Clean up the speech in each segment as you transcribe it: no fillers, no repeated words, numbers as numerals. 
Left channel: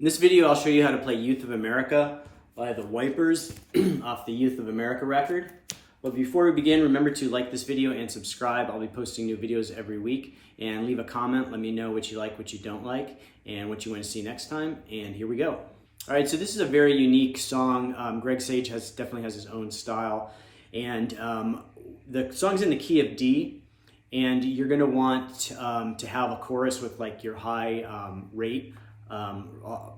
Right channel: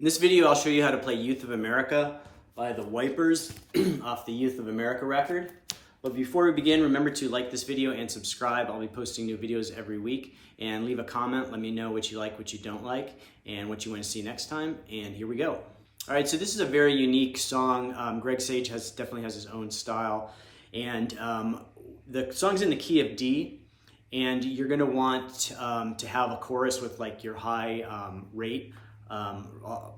In this video, I'll show you how to play Youth of America by the Wipers off the Youth of America record. But before we begin, remember to like this video and subscribe. I'll be posting new videos every week. And leave a comment. Let me know what you like, what you don't like, and what you want to see next time. And here we go. All right, so this is a very unique song. Greg Sage definitely has his own style. And the song's in the key of D. And you're going to want to have a chorus with like your high rate.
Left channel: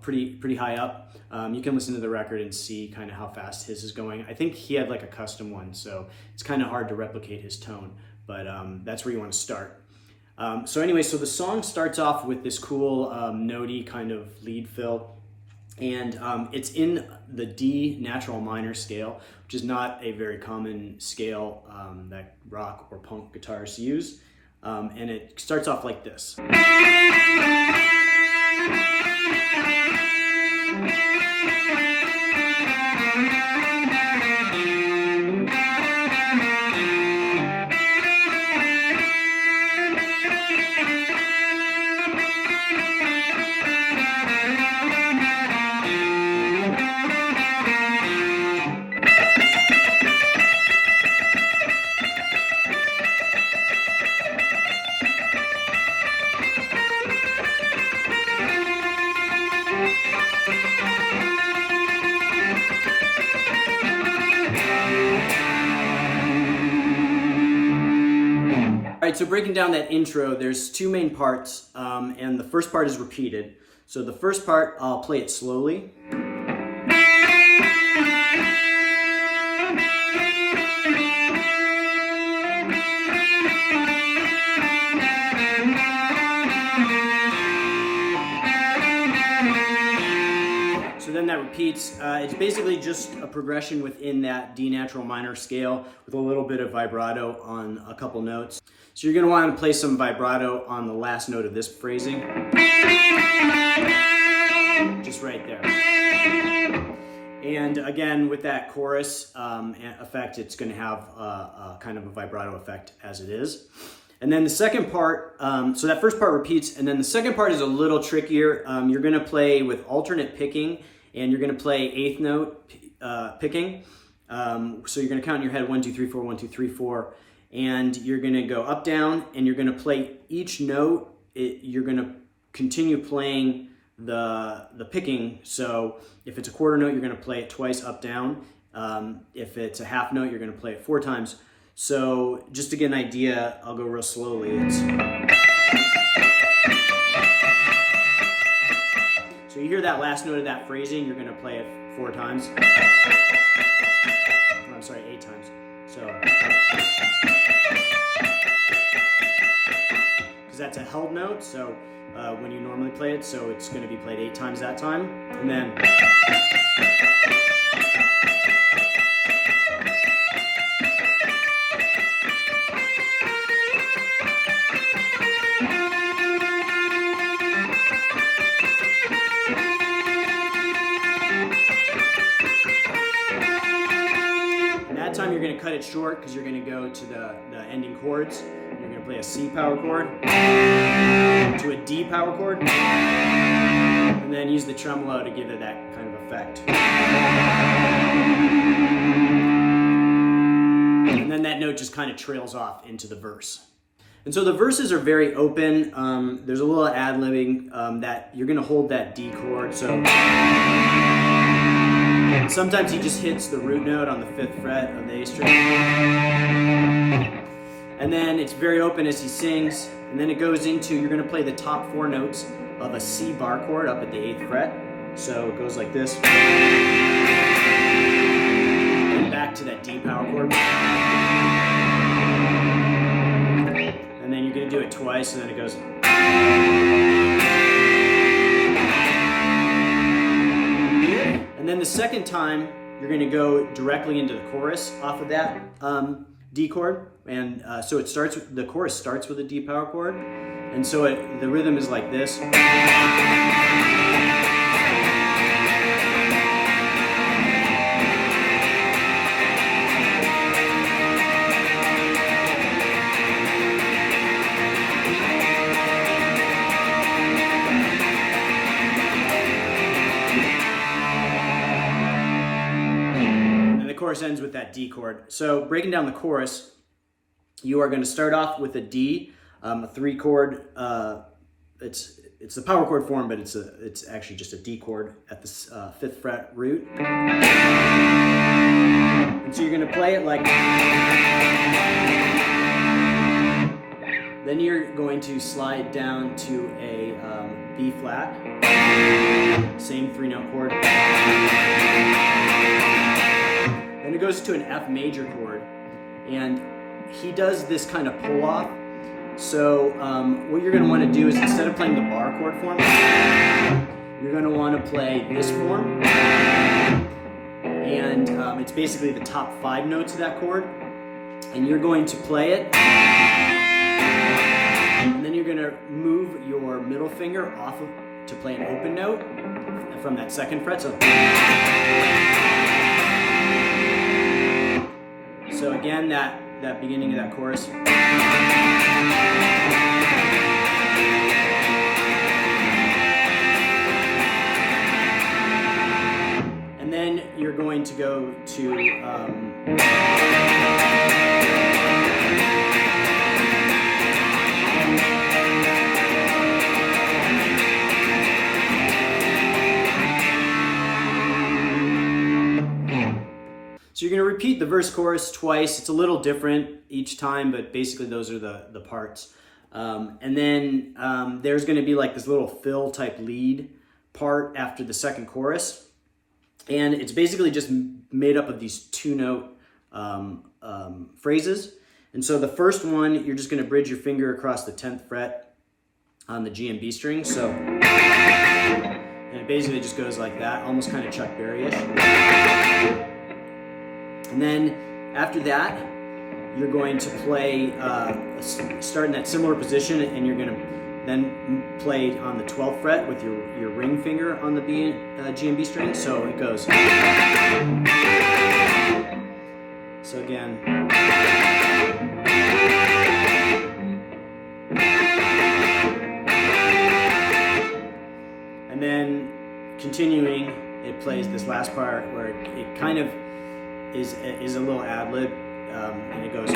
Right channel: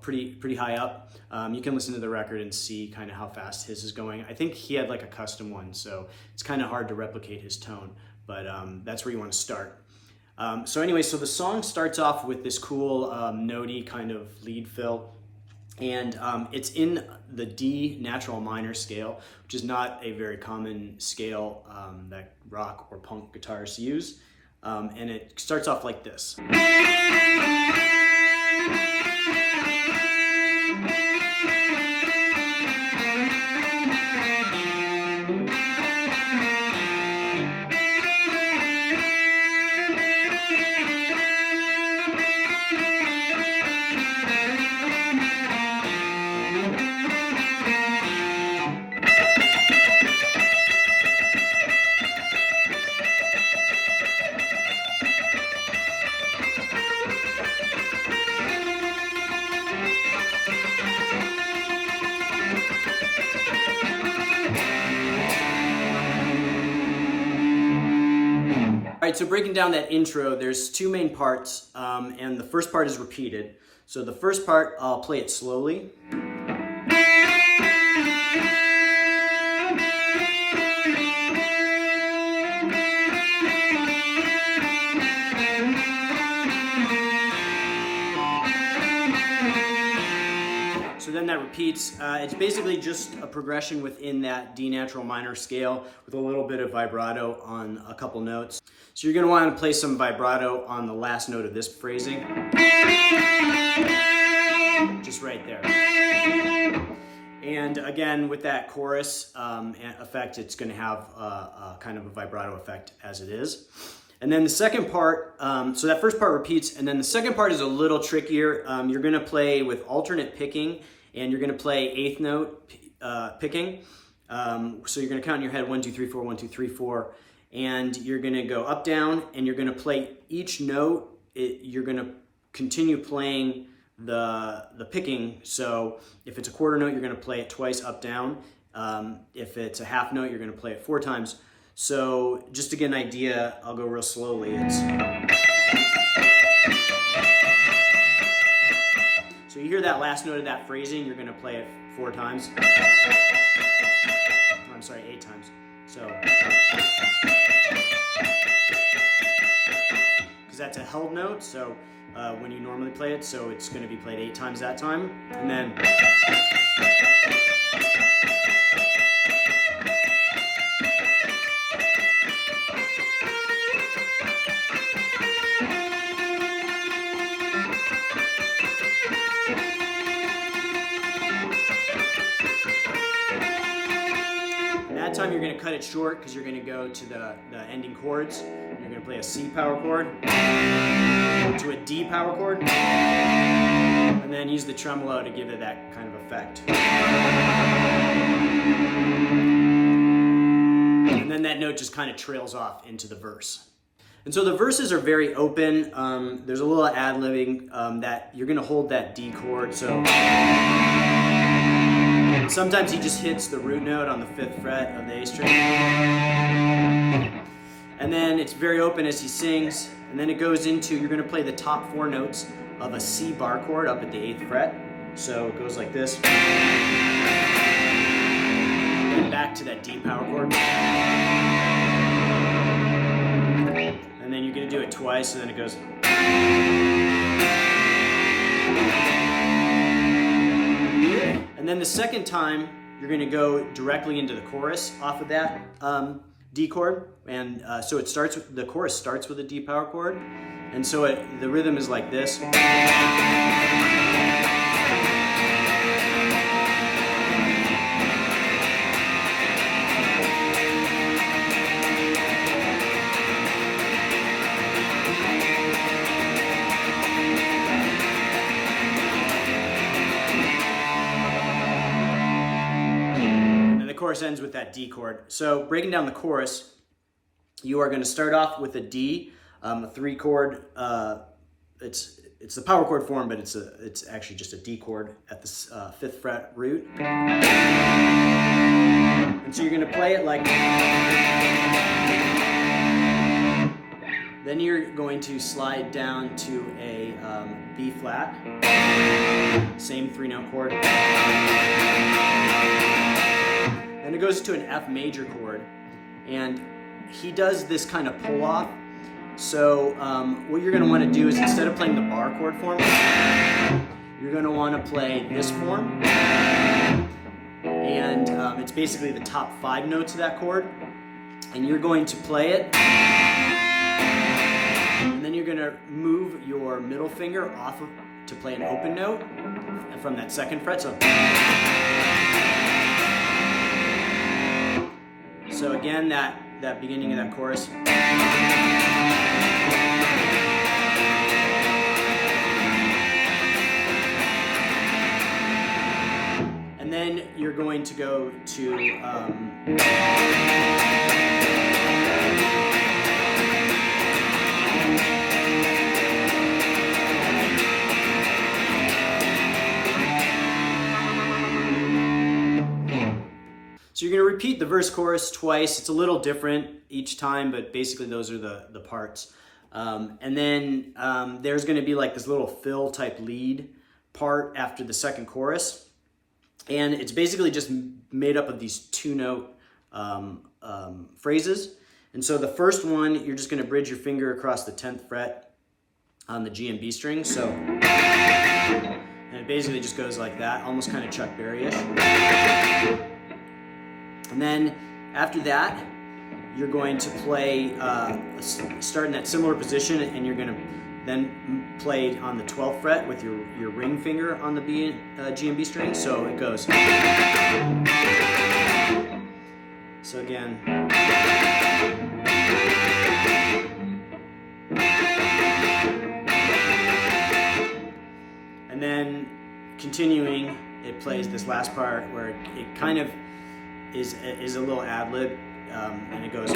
Pretty high up. You can listen to the record and see kind of how fast his is going. I think he had like a custom one, so it's kind of hard to replicate his tone, but that's where you want to start. So anyway, so the song starts off with this cool notey kind of lead fill, and it's in the D natural minor scale, which is not a very common scale that rock or punk guitarists use, and it starts off like this. All right, so breaking down that intro, there's two main parts, and the first part is repeated. So the first part, I'll play it slowly. So then that repeats. It's basically just a progression within that D natural minor scale with a little bit of vibrato on a couple notes. So you're going to want to play some vibrato on the last note of this phrasing. Just right there. And again, with that chorus effect, it's going to have a kind of a vibrato effect as it is. And then the second part, so that first part repeats, and then the second part is a little trickier. You're going to play with alternate picking, and you're going to play eighth note picking. So you're going to count in your head 1, 2, 3, 4, 1, 2, 3, 4, and you're going to go up, down, and you're going to play each note. You're going to continue playing the picking. So if it's a quarter note, you're going to play it twice up, down. If it's a half note, you're going to play it 4 times. So just to get an idea, I'll go real slowly. So you hear that last note of that phrasing, you're going to play it 4 times. Or I'm sorry, 8 times. So, because that's a held note, so when you normally play it, so it's going to be played 8 times that time. And then that time you're going to cut it short because you're going to go to the ending chords. You're going to play a C power chord to a D power chord, and then use the tremolo to give it that kind of effect. And then that note just kind of trails off into the verse. And so the verses are very open. There's a little ad-libbing that you're going to hold that D chord. So sometimes he just hits the root note on the 5th fret of the A string. And then it's very open as he sings. And then it goes into, you're going to play the top 4 notes of a C bar chord up at the 8th fret. So it goes like this. And back to that D power chord. And then you're going to do it twice, and then it goes. And then the second time, you're going to go directly into the chorus off of that D chord. And so the chorus starts with a D power chord. And so the rhythm is like this. chorus ends with that D chord. So breaking down the chorus, you are going to start off with a D, a 3-chord. It's the power chord form, but it's actually just a D chord at the 5th fret root. And so you're going to play it like. Then you're going to slide down to a B flat, same 3-note chord. Then it goes to an F major chord, and he does this kind of pull off. So what you're going to want to do is, instead of playing the bar chord form, you're going to want to play this form, and it's basically the top 5 notes of that chord, and you're going to play it. And then you're going to move your middle finger off of to play an open note from that 2nd fret. So again, that beginning of that chorus. And then you're going to go to so you're going to repeat the verse chorus twice. It's a little different each time, but basically those are the parts. And then there's going to be like this little fill type lead part after the 2nd chorus. And it's basically just made up of these 2-note phrases. And so the first one, you're just going to bridge your finger across the 10th fret on the G and B string. So, and it basically just goes like that, almost kind of Chuck Berry-ish. And then after that, you're going to play, start in that similar position, and you're going to then play on the 12th fret with your ring finger on the G and B string. So it goes. So again. And then continuing, it plays this last part where it kind of is a little ad-lib, and it goes.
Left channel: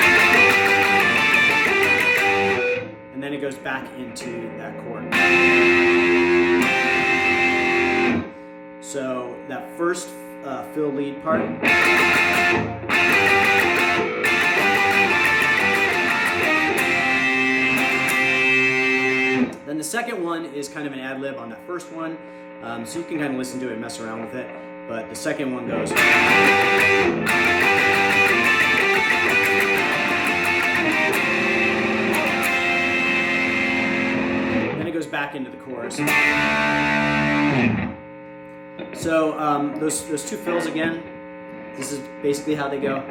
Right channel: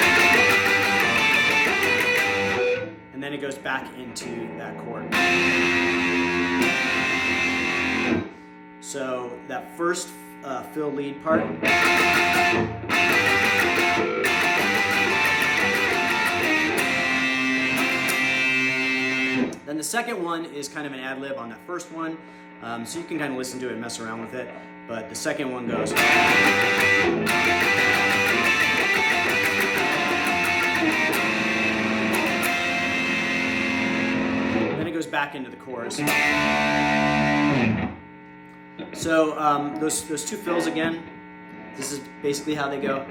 And then it goes back into that chord. So that first fill lead part. Then the second one is kind of an ad-lib on that first one, so you can kind of listen to it and mess around with it. But the second one goes. Then it goes back into the chorus. So those 2 fills again, this is basically how they go.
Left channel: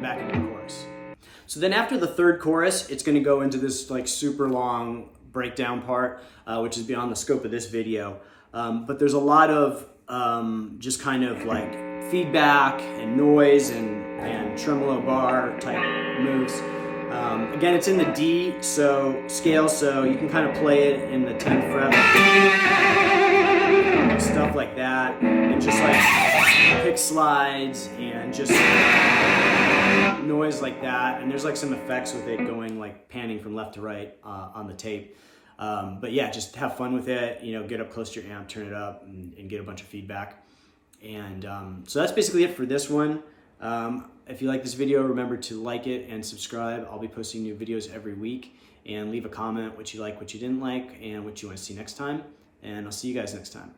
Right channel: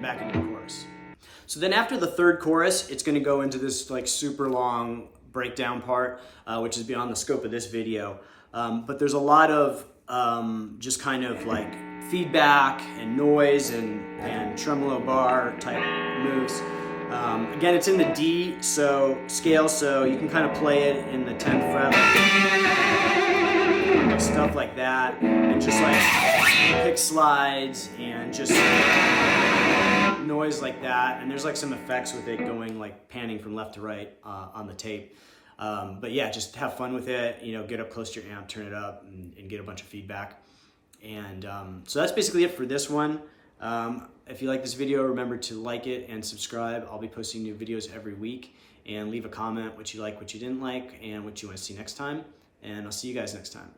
Back into the chorus. So then after the 3rd chorus, it's going to go into this like super long breakdown part, which is beyond the scope of this video. But there's a lot of just kind of like feedback and noise and tremolo bar type moves. Again, it's in the D scale, so you can kind of play it in the 10th fret, like stuff like that, and just like pick slides and just noise like that. And there's like some effects with it going like panning from left to right on the tape. But yeah, just have fun with it, you know, get up close to your amp, turn it up, and get a bunch of feedback. And so that's basically it for this one. If you like this video, remember to like it and subscribe. I'll be posting new videos every week, and leave a comment what you like, what you didn't like, and what you want to see next time. And I'll see you guys next time.